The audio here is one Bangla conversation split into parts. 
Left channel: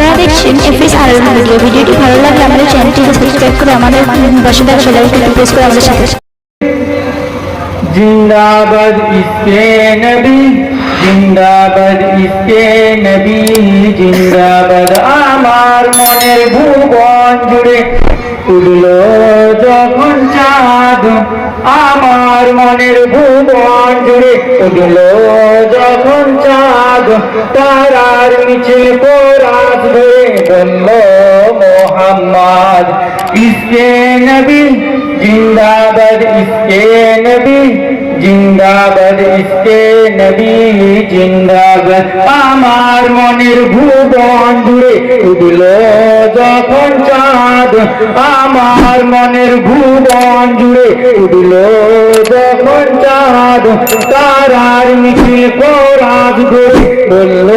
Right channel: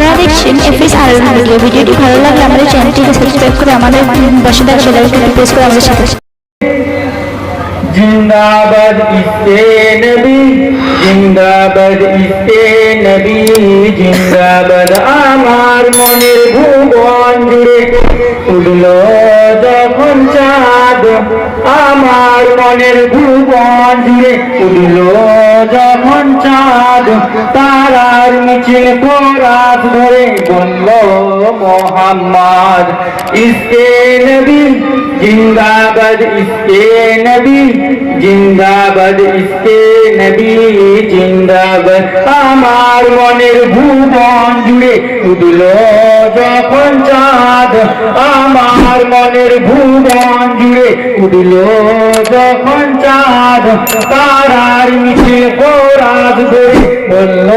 আপনারা দেখছেন এফএস আর ভিডিও ভিডিওটি ভালো লাগলে আমাদের চ্যানেলটিকে সাবস্ক্রাইব করে আমাদের পাশে থাকা বেল আইকনটি প্রেস করে আমাদের সাথে জিন্দাবাদ ইসে নবী জিন্দাবাদ ইসে নবী জিন্দাবাদ আমার মনের ভুবন জুড়ে। উড়ল যখন চাঁদ আমার মনের ভুবন জুড়ে। উড়ল যখন চাঁদ তারার নিচে কোরাত ধরে বলল, মোহাম্মদ, ইসকে নবী, জিন্দাবাদ ইসকে নবী, জিন্দাবাদ ইসকে নবী জিন্দাবাদ আমার মনের ভুবন জুড়ে উঠল যখন চাঁদ। আমার মনের ভুবন জুড়ে উঠল যখন চাঁদ। তারার মিছিল পরাজ করে বলল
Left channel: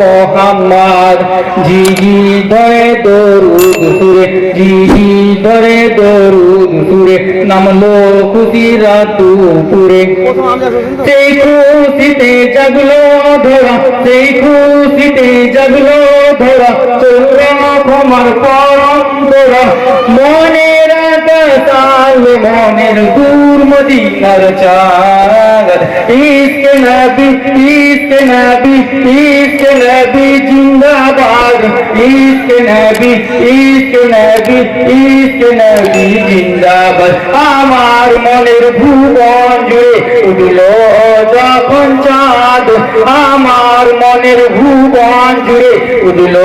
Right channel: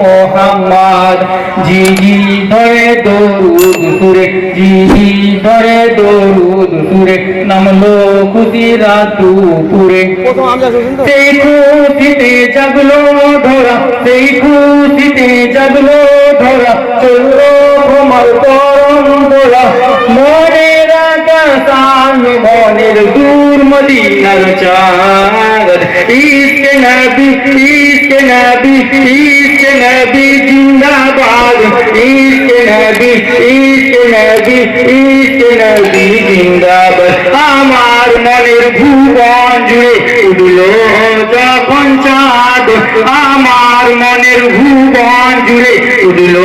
মোহাম্মদ জি জি ধরে দরুদ সুরে জি জি ধরে দরুদ সুরে নামলো খুশিরা পুরে সেই খুশিতে জাগলো সেই খুশিতে জাগলো ধরা চলল তোমার পরম্পরা মনের আকাশে মনের দূর মদিনার চাঁদ ইসকে নবী ইসকে নবী ইসকে নবী জিন্দাবাদ ইসকে নবী ইসকে নবী ইসকে নবী জিন্দাবাদ আমার মনের ভুবন জুড়ে উঠল যখন চাঁদ আমার মনের ভুবন জুড়ে উঠল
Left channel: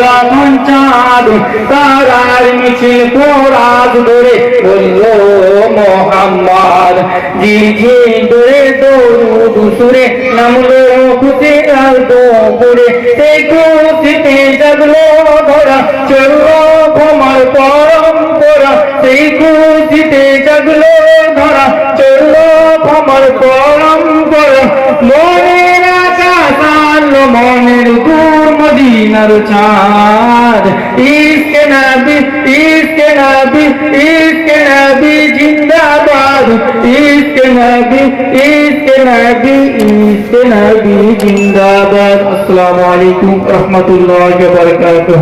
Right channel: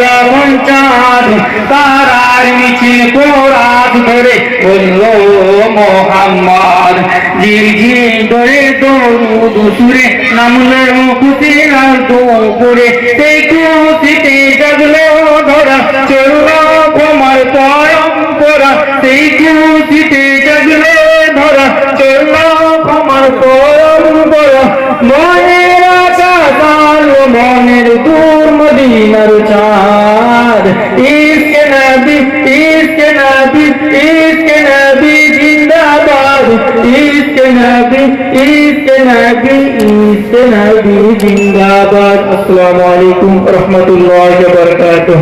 যখন চাঁদ তারার মিছিল কোরাত ধরে বলল, মোহাম্মদ ঝিরঝি ধরে দৌড় সুরে নামলে খুশি আর দুপুরে, সেই খুশিতে জাগলো ধরা চলল মনের দূর মদিনার চাঁদ। ইসকে নবী ইসকে নবী ইসকে নবী জিন্দাবাদ। ইসকে নবী ইসকে নবী ইসকে নবী জিন্দাবাদ। আসসালামু আলাইকুম রহমতুল্লাহ বারকাতুহ।